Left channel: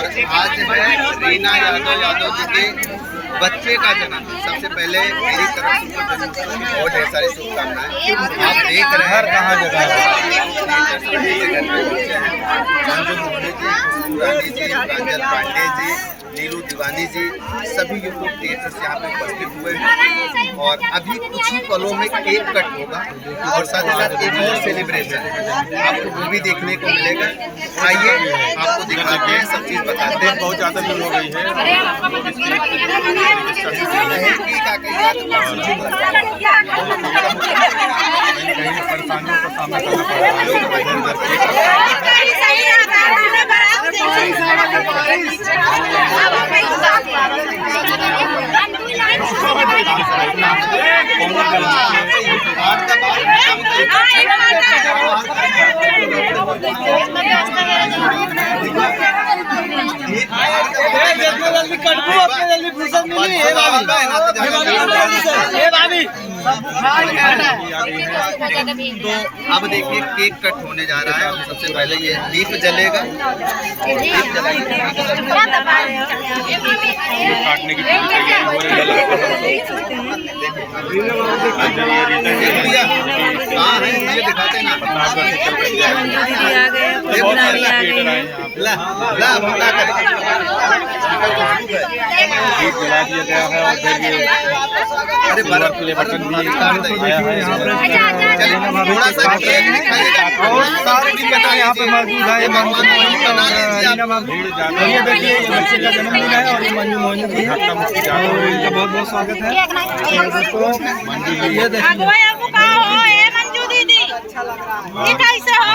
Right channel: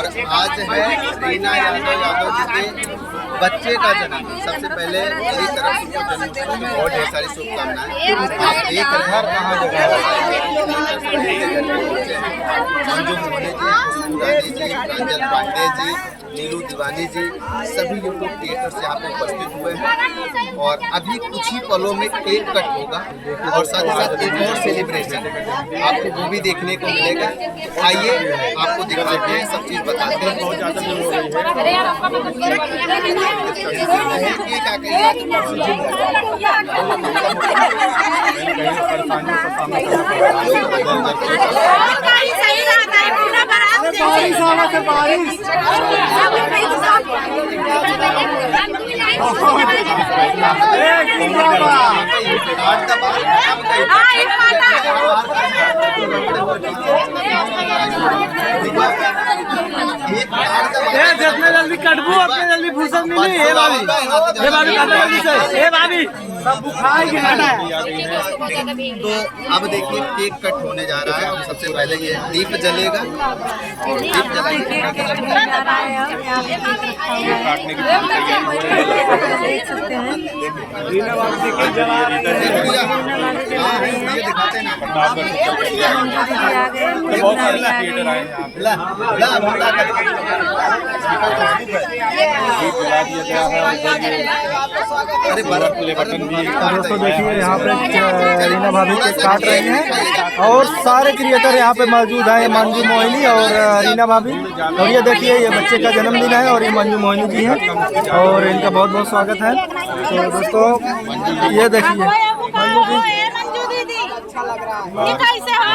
और आज है रीना यादव जी के बच्चे का जन्मदिन। सबसे पहले मेरी तरफ से उनको जन्मोत्सव की बहुत ढेर सारी शुभकामनाएं। आप देख रहे हैं मंजू मोहनी जी, रानी जी, प्रांजल पांडे जी, नीलू दीवानी जी, सभी यूट्यूब क्रिएटर्स यहाँ पे उपस्थित हुए हैं। और अभी कुछ ही पलों में केक कट होगा और साथ ही साथ एक और सेलिब्रेशन आपको वो भी देखने को मिलेगा। आइए आपको दिखाते हैं, सब चीज़ बताते हैं। बहुत ज़्यादा भीड़ हो गई तो अब देखिए केक कट होने जा रहा है। और सबसे पहले ये दीप जलेगा। दीप दिखाते ना अरे बर्फ और सारे क्रिएटर यहाँ पे मौजूद है। मंजू मोहिनी और रीना भाभी। और ये देखिए ये बच्चे का जन्मदिन है और मंजू मोहिनी जी है और इनका बहुत बहुत स्वागत है। तो दोस्तों ये देखिए मंजू दीदी ये कैसे हो?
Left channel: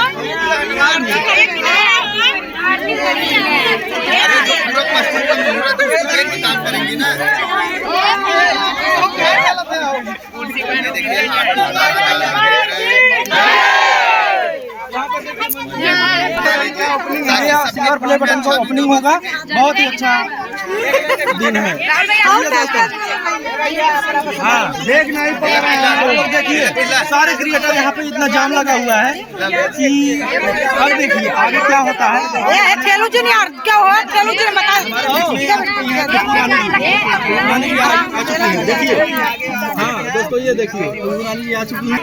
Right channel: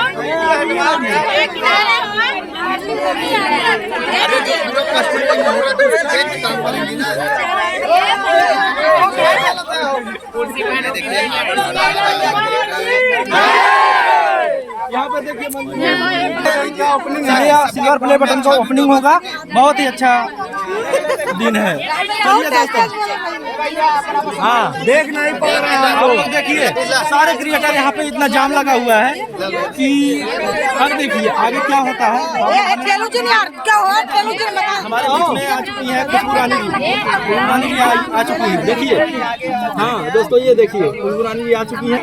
अरे जो पूरा पश्चिम का मुहूर्त काम करेंगी ना। यहाँ पे देखिए सिल्वर प्ले बटन का ओपनिंग होगा। बहुत ही अच्छा दिन है। हाँ देख नहीं पा रहे हैं लोग। देखिए सारे क्रिएटर यहाँ पे इतना जाम लगा हुआ है कि अब देखिए आगे क्या होता है। खेलू जूनियर क्या हो? खेलू जूनियर आ चुकी है। देखिए हाँ दोस्तों ये देखिए आ चुकी है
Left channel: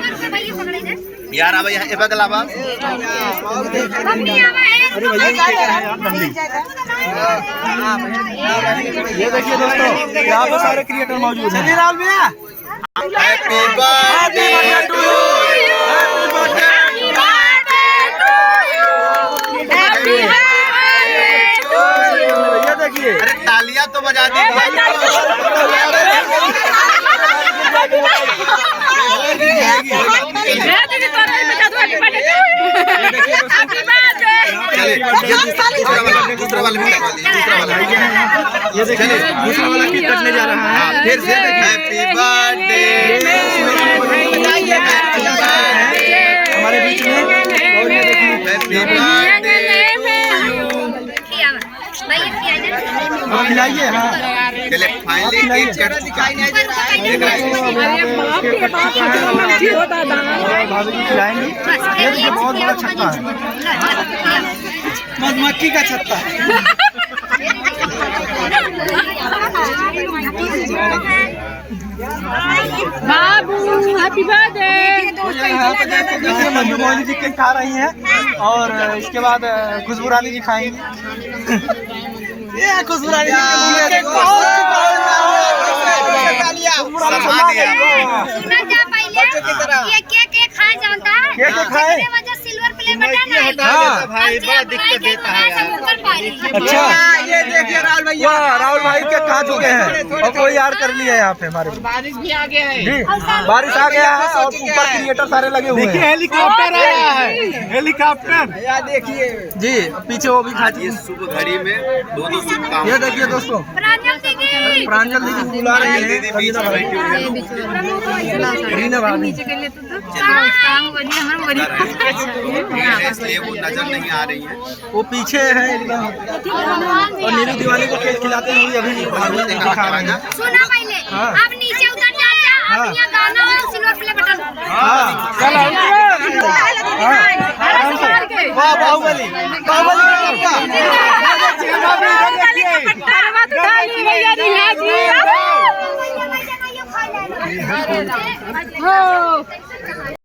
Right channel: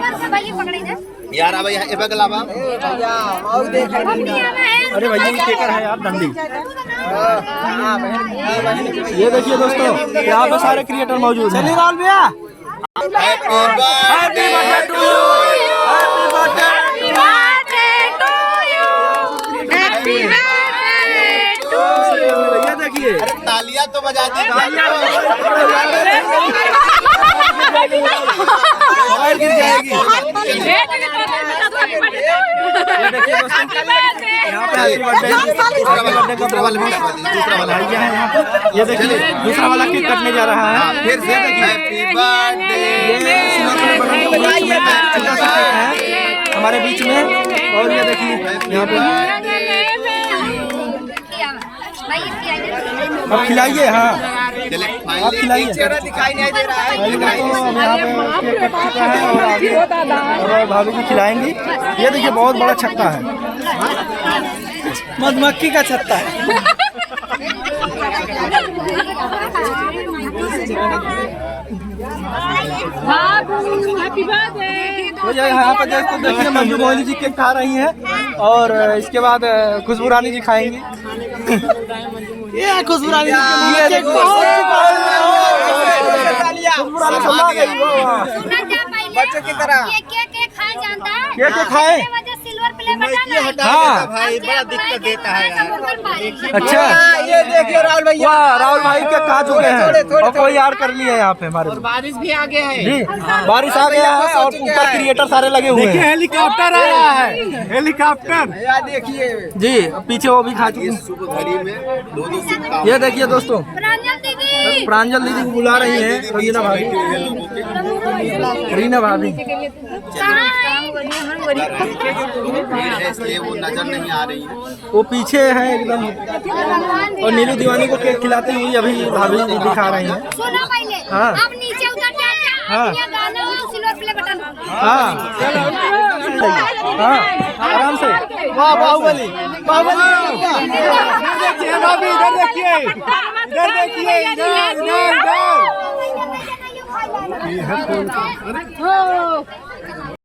यार। अब यहाँ बदलावा अरे भैया केकर है आप बंदी। ये देखिए दोस्तों यहाँ पे सारे क्रिएटर मौजूद हैं। Happy birthday to you, happy birthday to you. ये देखिए अरे तालियां तो बजा दी दूसरा वाला ये देखिए दूसरा वाला केक कटने जा रहा है। फिर से देखिए हमारे बीच में। और ये देखिए खिलाइए। हाँ चले फाइनली भाभी जी खिलाएंगी। ये देखिए बहुत बड़ा छत्ता है, मधुमक्खी का छत्ता है। बाबू हैप्पी बर्थडे। यहाँ पर देखिए मंजू मोहिनी जी केक खा रही हैं और इसके बाद खुशबू रानी जी खाएंगी। ये खुशबू रानी जी बच्चों की तरह ये केक खाए जानता है। केक खाए सिल्वर प्ले बटन हटा देता भाई, बड़ा दिक्कत देता है। अच्छा ये देखिए राहुल भैया, राहुल भाई के खा चुके हैं और कोई यार कर लिया यहाँ पे हमारे। बारिश भी आ गया है जी, बारिश आ गया है और ऊपर क्रिएटर सारे लगे हुए हैं। हेलीकॉप्टर आया है, हेलीकॉप्टर देखिए जी। पीछे वो भी खा चुके हैं। शुभ घड़ी में दो शुभकामनाएं। ये देखिए दोस्तों प्रांजल दीदी बुला रही है। रीना भाभी इसलिए वो नजर नहीं आ रही है, वो पीछे है एकदम। और नीलू दीवानी को केक खिलाते हैं अभी भाभी दिखा रहे हैं। सुना पहले अब नीचे उतर जाता हाँ। गाना सिल्वर प्ले बटन। हाँ आराम से। वाह बाहुबली बाहुबली देखिए